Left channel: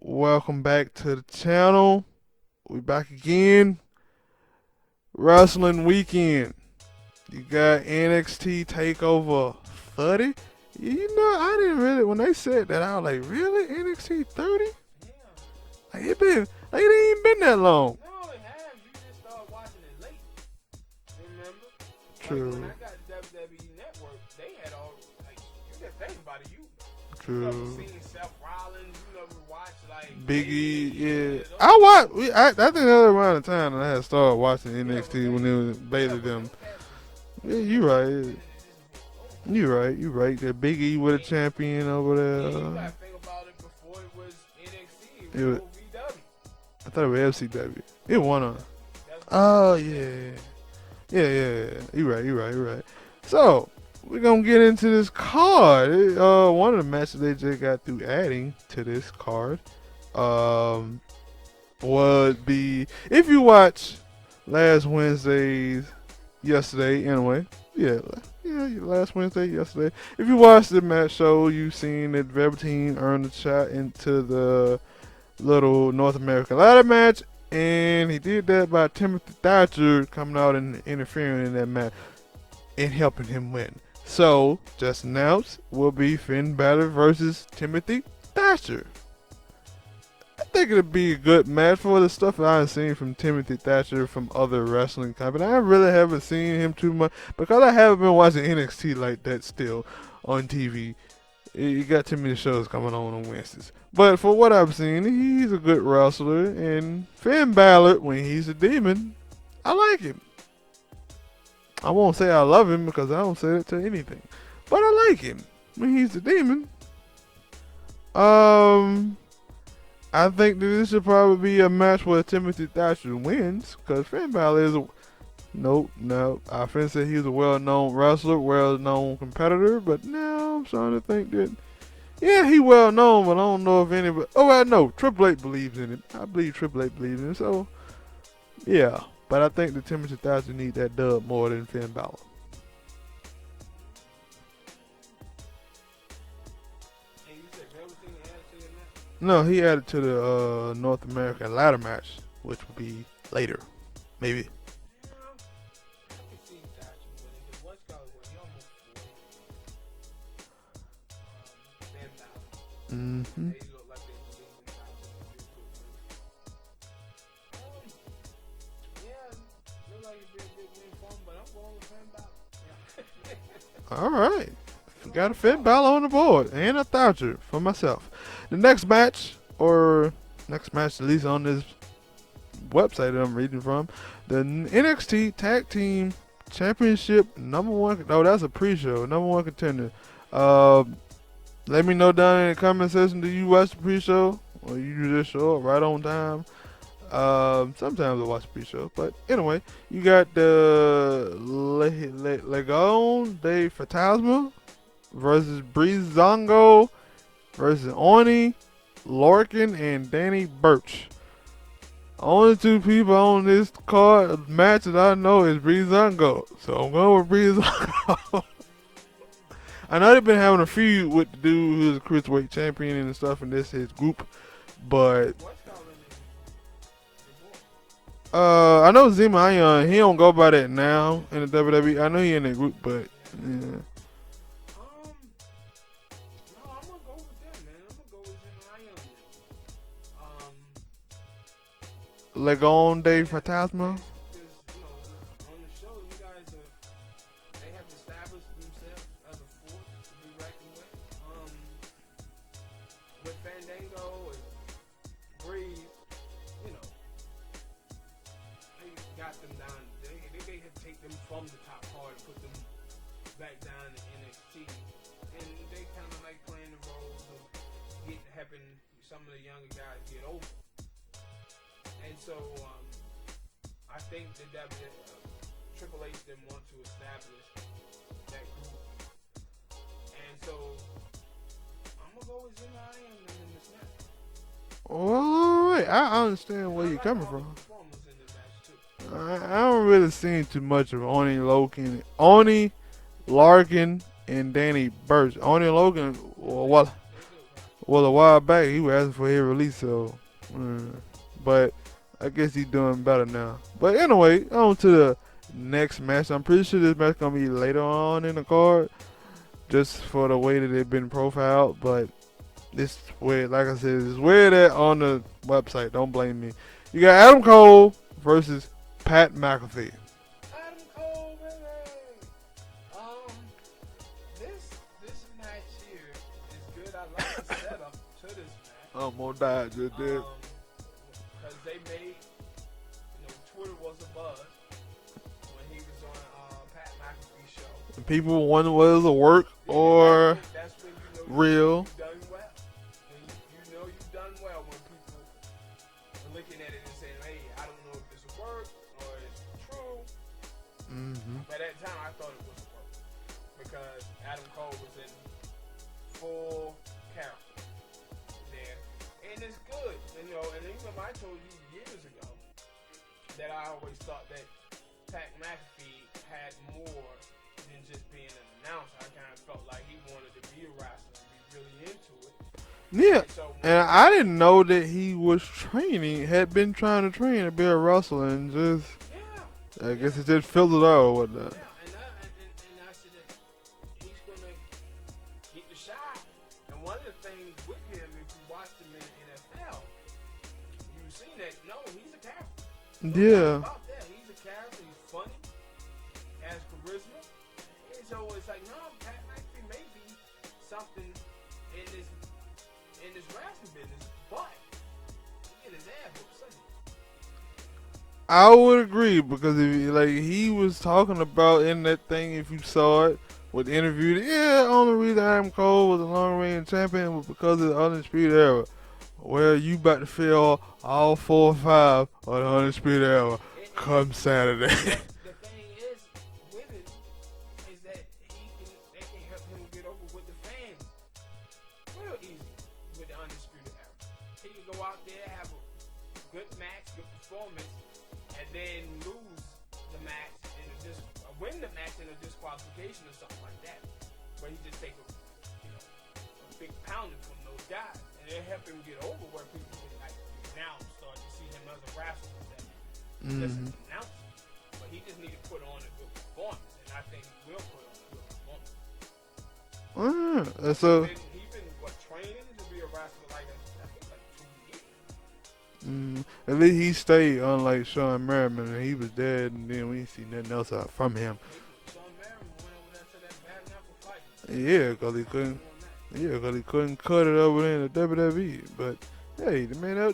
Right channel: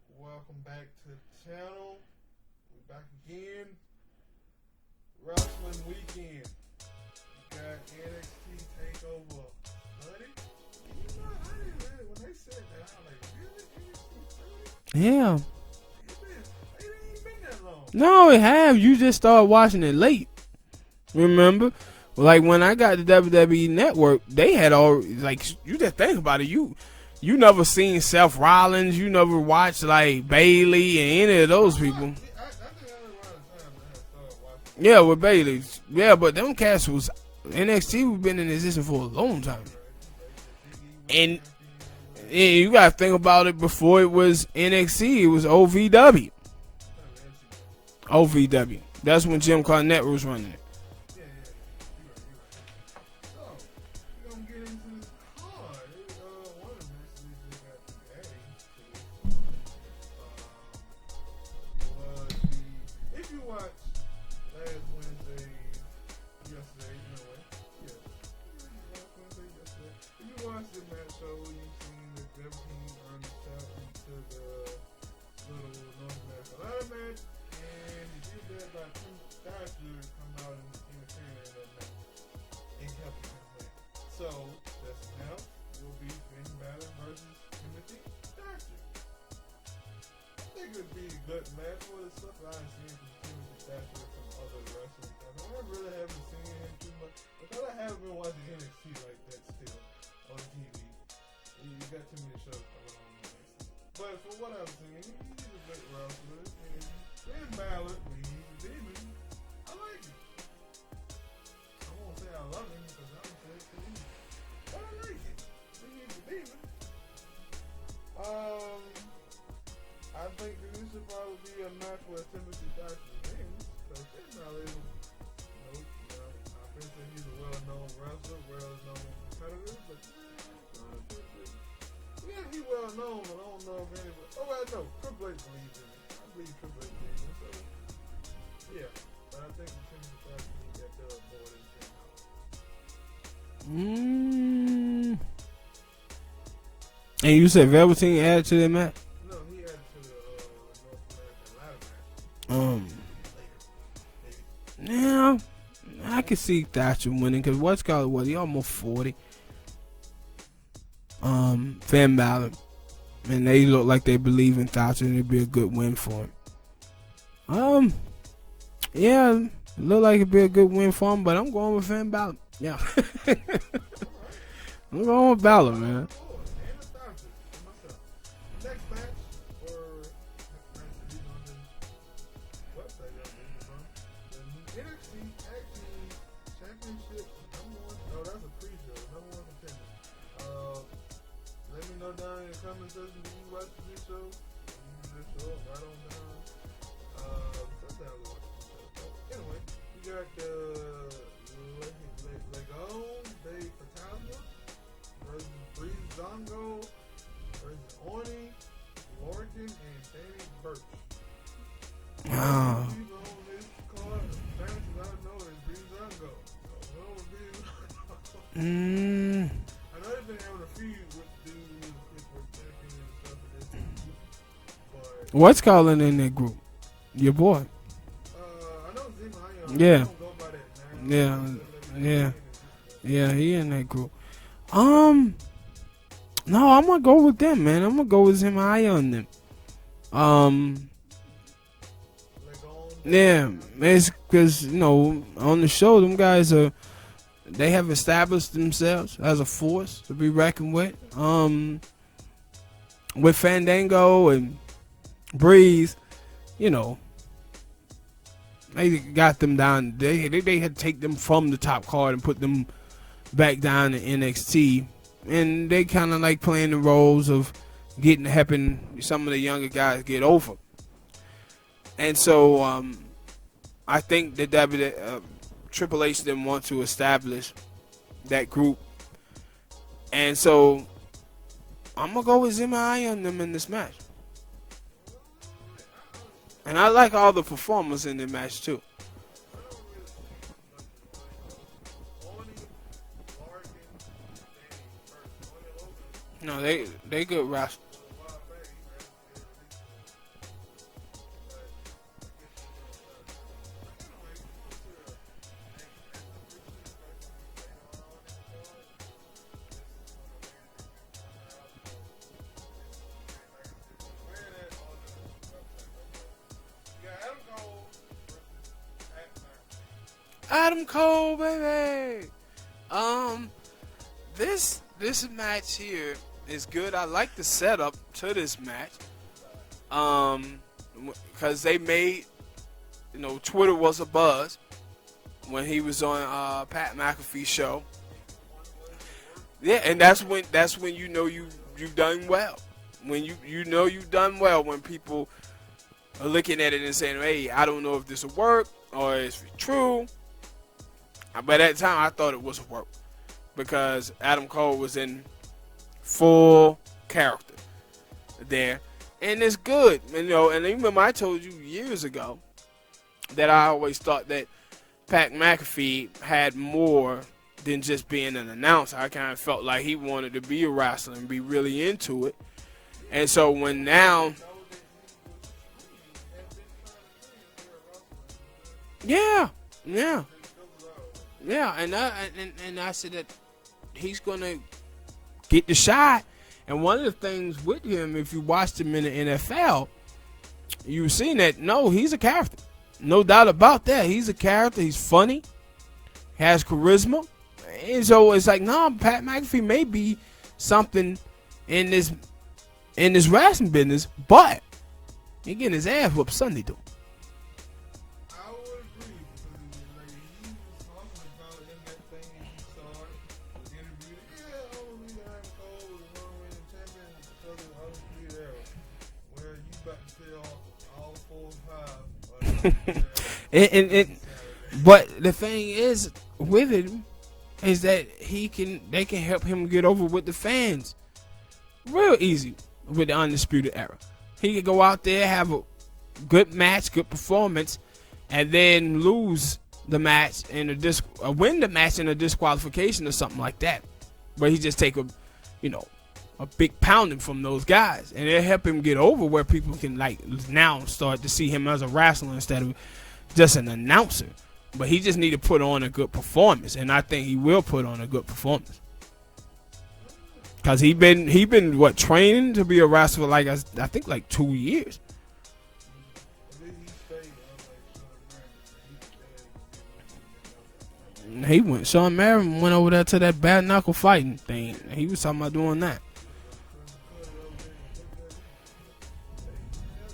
Welcome back to the channel. We back again. Wrestling weekend. You got NXT Takeover 30. You know, I didn't really, when they said that, I was like, really? NXT 30? Yeah. Like, it ain't even been that long. No, it have. You just started watching it late. Remember? Like when I got the WWE Network, they had all like you just think about it. You never seen Seth Rollins. You never watched like Bailey and any of those. I think that was around the time that I had started watching NXT. Yeah, with Bailey. Yeah, but them cats was NXT was been in existence for a long time. You're right. That Big E was a champion over there. Yeah, you gotta think about it. Before it was NXT, it was OVW. I thought it was FCW. OVW. That's when Jim Cornette was running it. Yeah. You're right. So, we're going to get into this card. One of the matches they just got through adding to this card would be, if you watch last Wednesday's, yesterday anyway, last Wednesday, yesterday. If you watched the match show, you've seen that Velveteen earned a shot into the little North American ladder match. And he did that by Timothy Thatcher coming out and interfering in that match and helping him win. So, just announced, will be Finn Balor versus Timothy Thatcher. I think it'll be a good match for the stuff that I've seen from Timothy Thatcher from other wrestling companies. I really haven't seen him too much because I haven't been watching NXT like that still on TV. You got too many shows coming on Wednesdays. But for what I've seen, he's a good wrestler. And Finn Balor, when he's a demon, I like him. I won't say I love him because I don't say that to anything. But I like him when he's a demon. I think that this should probably be a match where Timothy Thatcher wins. Because Finn Balor is a... No. I finna say he's a well-known wrestler, well-known competitor. But now I'm starting to think that... Yeah, he well known, but I don't know if anybody. Oh, I know Triple H believes in it. I believe Triple H believes in it. So, yeah. But I think that Timothy Thatcher needs that dub more than Finn Balor. And you said Velveteen added to that match? No, he added to the North American ladder match, which will be later, maybe. Yeah, I can see Thatcher winning because he almost 40. Finn Balor, and they look like they believe in Thatcher, and it'd be a good win for him. Yeah, look like it'd be a good win for him, but I'm going with Finn Balor. Yeah. All right. I'm going with Balor on the board, and a Thatcher for myself. The next match, at least on this website that I'm reading from, the NXT Tag Team Championship #1. No, that's a pre-show. #1 contender. Let me know down in the comment section, do you watch the pre-show? Or you just show up right on time? Sometimes I watch the pre-show. But anyway, you got the Legón de Fantasma versus Breezango versus Oni, Lorcan, and Danny Burch. Only two people on this card match that I know is Breezango. So I'm going with Breezango. I know they've been having a feud with the dude who's a cruiserweight champion and stuff, and this his group. But what's calling in that group? Your boy. I know Zima Ion. He don't go by that now in the WWE. I know he in that group, but yeah, he in that group. No, I'm gonna go with them, man. I'm gonna go with Zima Ion them. Legón de Fantasma. It's because on the show, them guys they have established themselves as a force to be reckoned with. With Fandango and Breeze, they got them down. They had to take them from the top card and put them back down in NXT, and they kind of like playing the roles of helping some of the younger guys get over. And so I think that Triple H didn't want to establish that group. And so I'm going to go with Zima on them in this match. All right, I understand. And I like all the performers in the match too. I don't really see too much of Oni, Larkin, and Danny Burch. Oni and Logan, No, they good wrestlers. Well, a while back he was asking for his release, so. But I guess he's doing better now. But anyway, on to the next match. I'm pretty sure this match gonna be later on in the card, just for the way that they've been profiled. But this way, like I said, it's weird that on the website. Don't blame me. You got Adam Cole versus Pat McAfee. Adam Cole, baby. This match here is good. I like the setup to this match. Almost died. Because they made, Twitter was a buzz when he was on Pat McAfee's show. People wonder whether it'll work. Yeah, and that's when you know you've done well. When you know you've done well, when people are looking at it and saying, "Hey, I don't know if this will work or it's true." But at the time, I thought it was a work because Adam Cole was in full character there. And it's good, and even I told you years ago that I always thought that Pat McAfee had more than just being an announcer. I kind of felt like he wanted to be a wrestler and be really into it. Yeah. And so I didn't know that he was had been trying to train to be a wrestler, and just I guess it just filled it out or whatnot. Yeah, and I said that he's gonna get the shot. And one of the things with him, if you watched him in the NFL, you've seen that, he's a character. No doubt about that. He's a character. He's funny. Has charisma. And so it's like, Pat McAfee may be something in this wrestling business, but he getting his ass whooped Sunday, though. I would agree because he was talking about in that thing, if you saw it, with the interview, only reason Adam Cole was a long-range champion was because of the Undisputed Era. Well, you about to feel all 4 or 5 of the Undisputed Era come Saturday. But the thing is, with him, is that they can help him get over with the fans real easy with the Undisputed Era. He can go out there, have a good match, good performance, and then lose the match win the match in a disqualification or something like that. But he just take a big pounding from those guys, and it'll help him get over where people can now start to see him as a wrestler instead of just an announcer. But he just need to put on a good performance, and I think he will put on a good performance. Because he been training to be a wrestler I think 2 years. At least he stayed, unlike Shawn Merriman, and he was dead, and then we didn't see nothing else out from him. Shawn Merriman went over there to that bare knuckle fighting thing. Yeah, he was talking about doing that. Yeah, because he couldn't cut it over there in the WWE. But hey, man,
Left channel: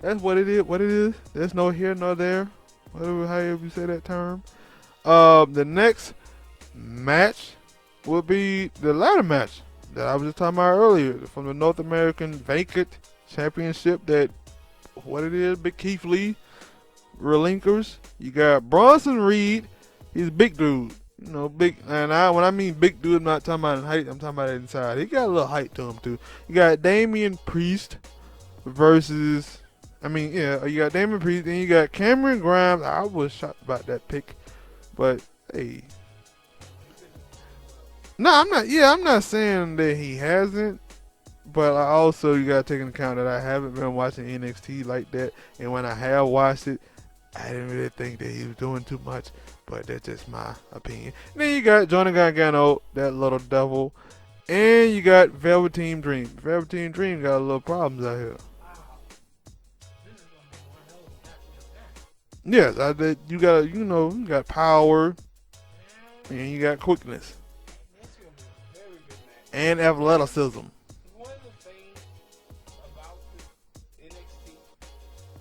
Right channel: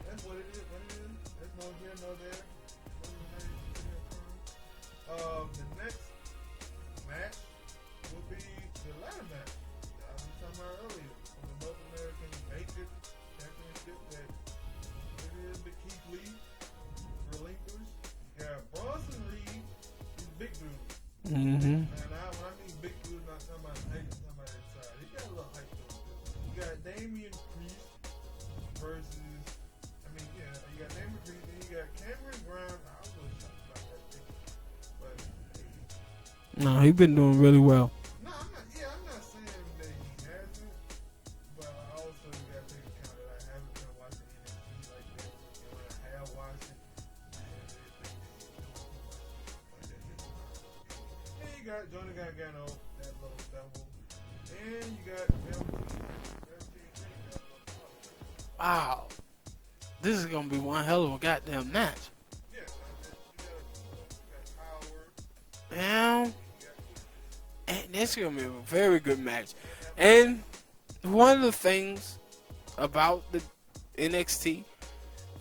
that's what it is. What it is. There's no here nor there, however you say that term. The next match will be the ladder match that I was just talking about earlier from the North American Vacant Championship. Big Keith Lee relinquishes. You got Bronson Reed. He's a big dude. Big. And when I mean big dude, I'm not talking about in height. I'm talking about inside. He got a little height to him too. You got Damian Priest versus. You got Damian Priest, and you got Cameron Grimes. I was shocked about that pick, but hey. No, he's been doing really well. No, I'm not. Yeah, I'm not saying that he hasn't. But you got to take into account that I haven't been watching NXT like that. And when I have watched it, I didn't really think that he was doing too much. But that's just my opinion. And then you got Johnny Gargano, that little devil. And you got Velveteen Dream. Velveteen Dream got a little problems out here. Wow. This is going to be one hell of a goddamn match. Yes, you got power. Yeah. And you got quickness. And this is going to be a very good match. And athleticism. One of the things about the NXT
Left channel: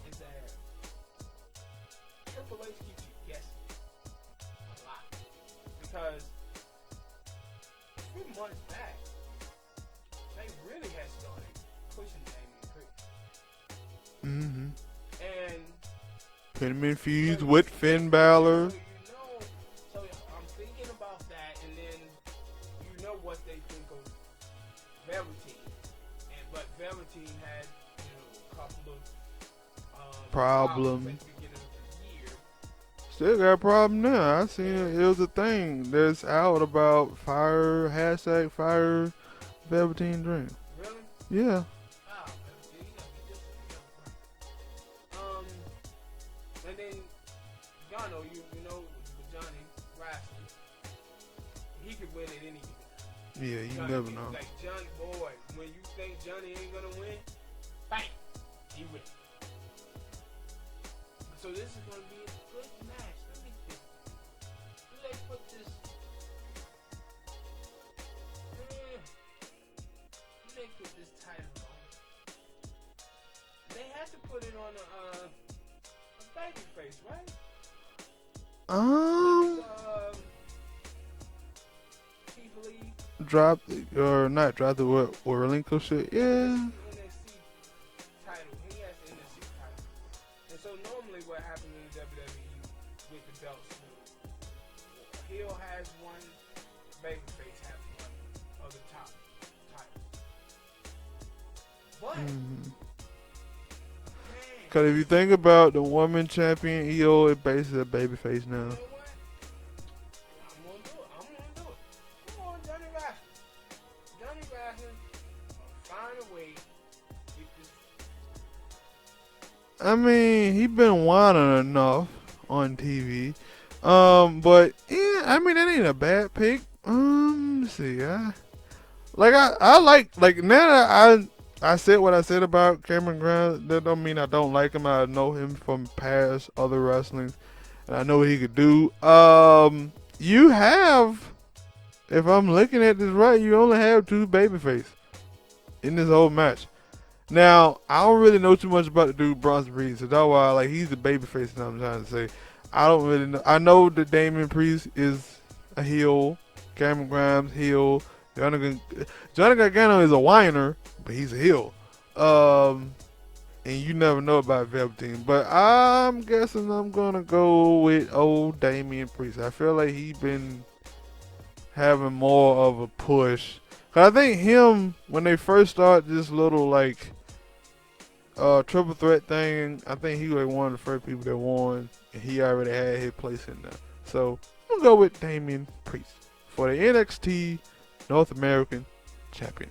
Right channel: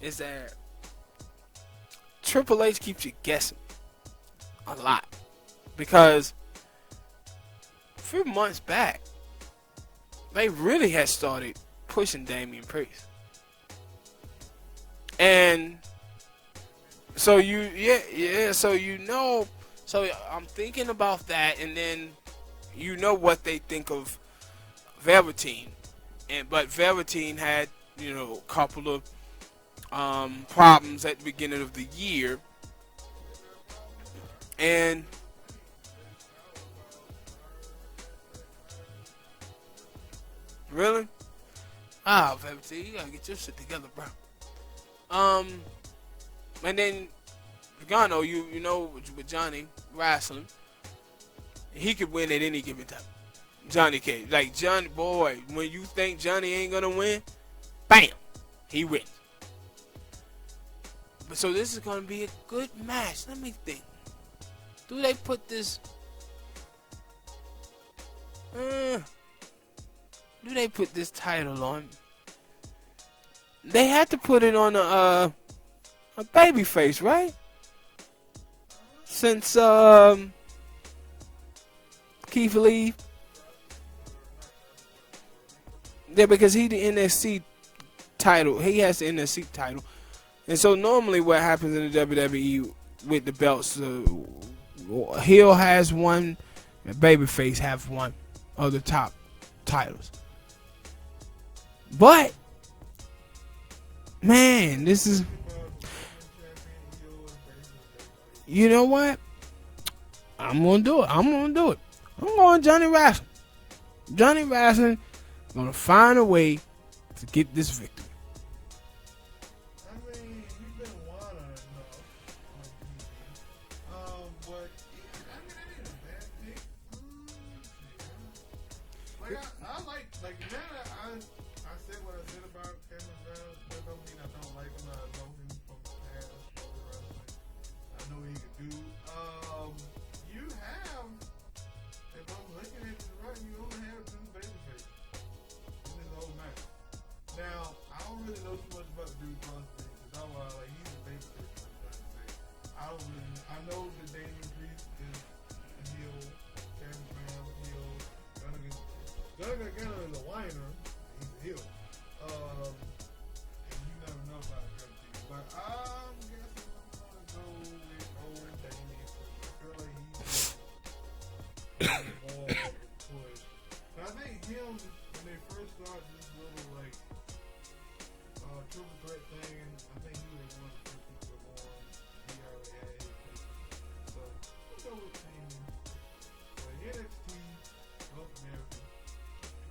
is that Triple H keeps you guessing a lot. Because a few months back, they really had started pushing Damian Priest. And put him in feud with Finn Balor. Yeah, so I'm thinking about that, and then what they think of Velveteen, but Velveteen had a couple of problems at the beginning of the year. Still got a problem now. I see it was a thing that's out about fire Velveteen Dream. Really? Yeah. Velveteen, you gotta get your shit together, bro. And then Gargano, you know, with Johnny wrestling, he could win at any given time. Yeah. Johnny can. Like Johnny, boy, when you think Johnny ain't gonna win, bam, he wins. But so this is gonna be a good match. Let me think. Do they put this? Do they put this title on? They had to put it on a babyface, right? Since Keith Lee dropped or not dropped or relinquished it. Yeah, because he the NXT title. He has the NXT title. And so normally what happens in the WWE with the belts, heel has one, and babyface have one of the top titles. But man, because if you think about the woman champion, EO is basically a babyface now. You know what? I'm gonna do it. I'm going Johnny Wrestling. Johnny Wrestling gonna find a way to get this victory. I mean, he been whining enough on TV. But yeah, I mean that ain't a bad pick. Let's see. I like now that I said what I said about Cameron Grimes. That don't mean I don't like him. I know him from past other wrestlings, and I know what he could do. You have, if I'm looking at this right, you only have 2 babyface in this whole match. Now, I don't really know too much about the dude Bronson Reed, so that's why like he's the babyface that I'm trying to say. I don't really know. I know that Damian Priest is a heel, Cameron Grimes heel, Johnny Gargano is a whiner, but he's a heel. And you never know about Velveteen. But I'm guessing I'm gonna go with old Damian Priest. I feel like he's been having more of a push. Cause I think him, when they first started this little like triple threat thing, I think he was like one of the first people that won, and he already had his place in there. So I'm gonna go with Damian Priest for the NXT North American Champion.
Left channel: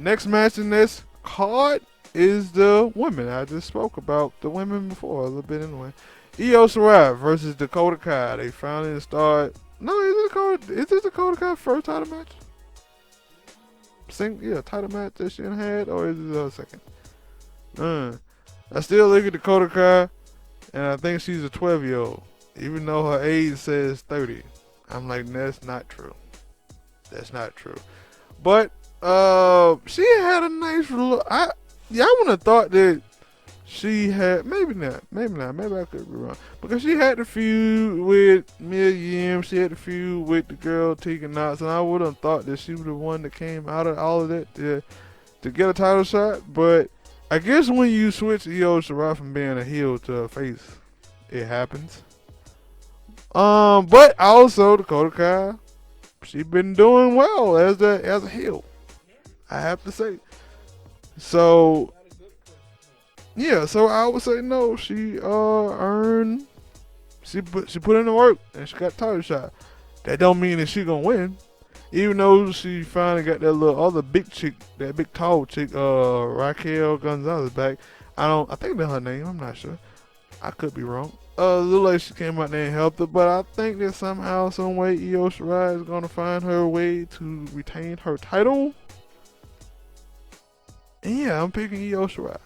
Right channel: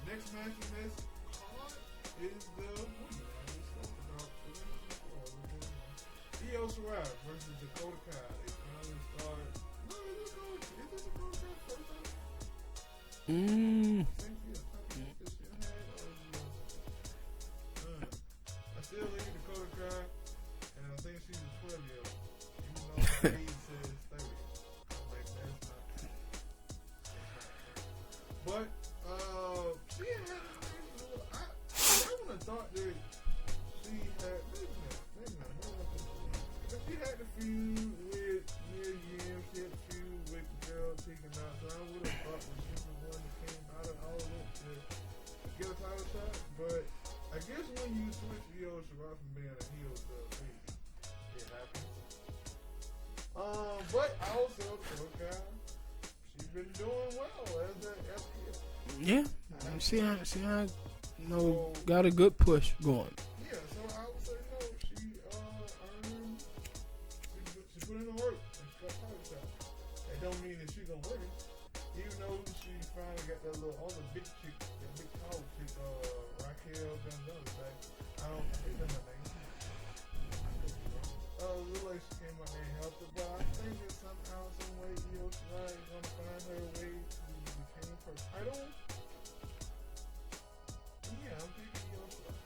Next match in this card is the women. I just spoke about the women before a little bit anyway. Io Shirai versus Dakota Kai. They finally start. No, is this Dakota Kai first title match? Title match that she had, or is it her second? I still look at Dakota Kai, and I think she's a 12-year-old, even though her age says 30. I'm like, that's not true. That's not true. But she had a nice look. I wouldn't have thought that she had, maybe not, maybe I could be wrong, because she had the feud with Mia Yim, she had the feud with the girl Tegan Knox, and I would have thought that she was the one that came out of all of that to get a title shot. But I guess when you switch Io Shirai from being a heel to a face, it happens. But also Dakota Kai, she been doing well as a heel. Yeah, I have to say. So got a good push going. Yeah, so I would say no. She earned. She put in the work and she got a title shot. That don't mean that she gonna win, even though she finally got that little other big chick, that big tall chick, Raquel Gonzalez back. I think that's her name. I'm not sure. I could be wrong. Look like she came out there and helped her, but I think that somehow, some way, Io Shirai is gonna find her way to retain her title. And yeah, I'm picking Io Shirai.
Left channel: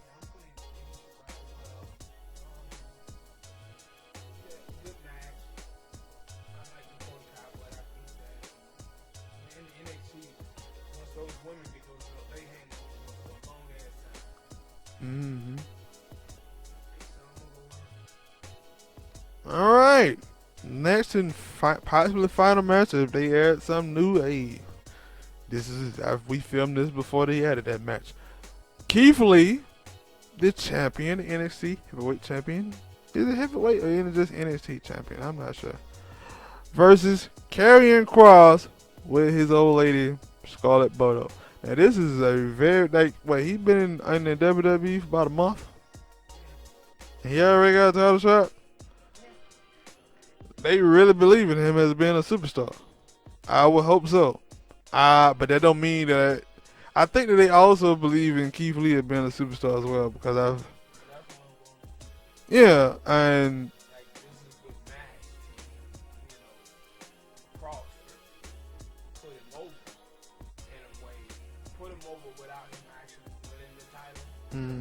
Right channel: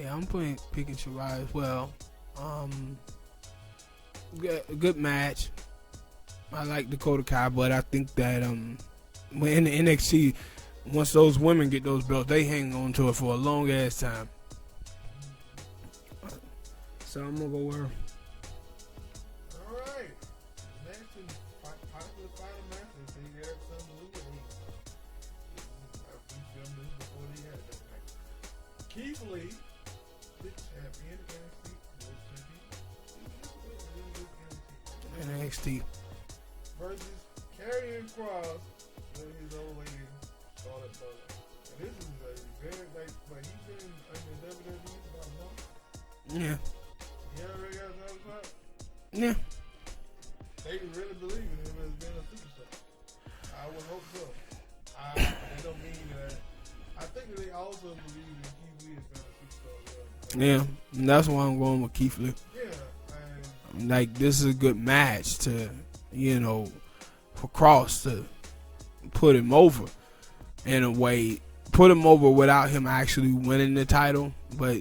Yeah, I'm picking Shirai as well. Good match. I like Dakota Kai, but I think that when in the NXT, once those women get those belts, they hang on to it for a long ass time. Mm-hmm. So I'm gonna go with her. All right. Next and possibly final match, if they add some new aid. We filmed this before they added that match. Keith Lee, the champion, NXT heavyweight champion. Is it heavyweight or is it just NXT champion? I'm not sure. Versus Karrion Kross with his old lady Scarlett Bordeaux. Now this is a very he's been in the WWE for about a month. Yeah. And he already got a title shot. Yeah. They really believe in him as being a superstar. I would hope so. But that don't mean that. I think that they also believe in Keith Lee as being a superstar as well. Because and that's why I'm going with Keith Lee. Yeah, and like this is a good match to, for Cross to put him over in a way, put him over without him actually winning the title, but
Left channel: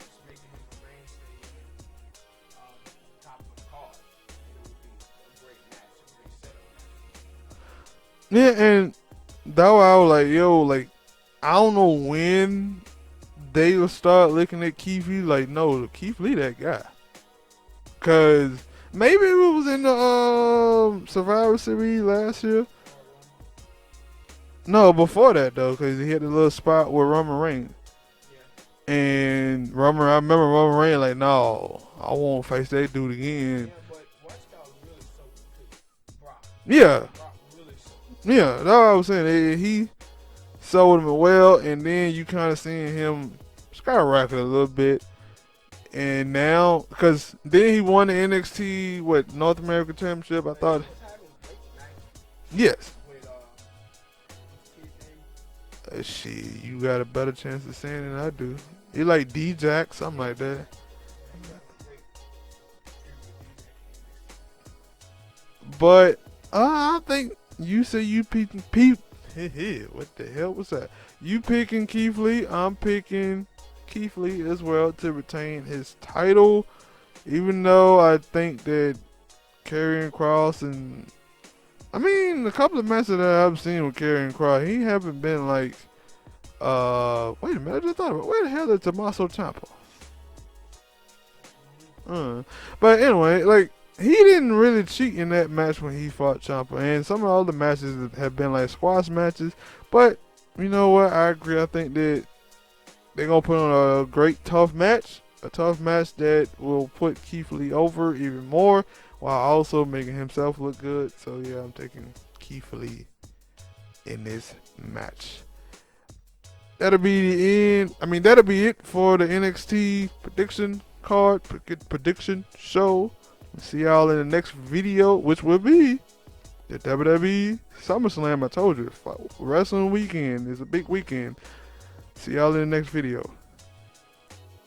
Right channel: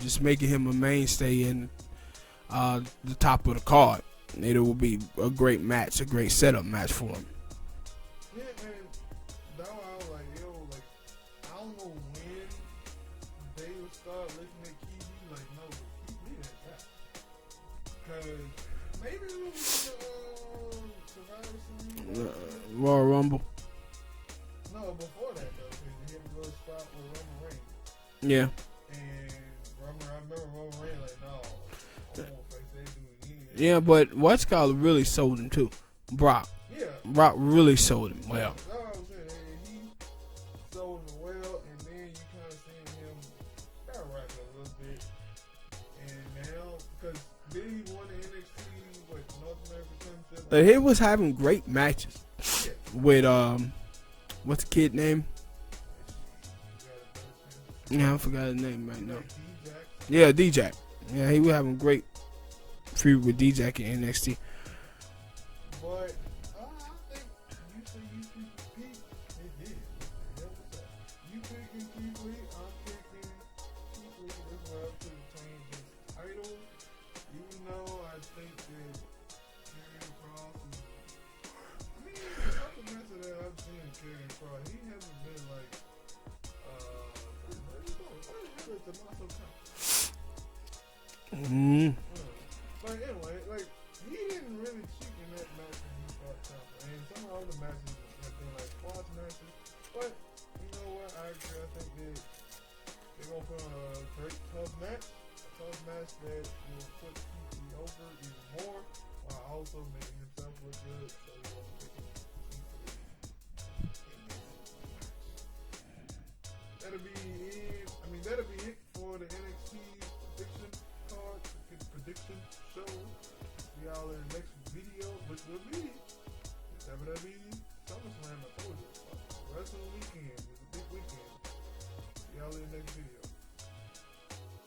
just making him a mainstay in the top of the card. It will be a great match, a great setup match for him. Yeah, and that why I was like, yo, I don't know when they will start looking at Keith Lee like, no, Keith Lee that guy. Because maybe it was in the Survivor Series last year. Royal Rumble. No, before that, though, because he had a little spot with Roman Reigns. Yeah. And I remember Roman Reigns like, no, I won't face that dude again. Yeah, but what's called really sold him, too. Brock. Yeah. Brock really sold him. Yeah, that's what I was saying. He sold him well, and then you kind of seeing him skyrocket a little bit. And now, because then he won the NXT, North American Championship. He was having great matches. Yes. With, what's the kid name? Shit, you got a better chance of saying I that. forgot his name, man. He like D-Jack, something yeah, like that. D-Jack. Yeah, he was having great feud with D-Jack in NXT. But I think you say you picking what the hell was that? You picking Keith Lee. I'm picking Keith Lee as well to retain his title. Even though I think that Karrion Kross and a couple of matches that I've seen with Karrion Kross, he haven't been like wait a minute, I just thought about where the hell is Tommaso Ciampa? But anyway, he didn't really cheat in that match when he fought Ciampa, and some of the other matches have been like squash matches. But you know what? I agree. I think that they're gonna put on a great tough match that will put Keith Lee over even more, while also making himself look good. So yeah, I'm taking Keith Lee in this match. That'll be the end. That'll be it for the NXT prediction card, prediction show. See y'all in the next video, which will be the WWE SummerSlam. I told you, wrestling weekend is a big weekend. See y'all in the next video.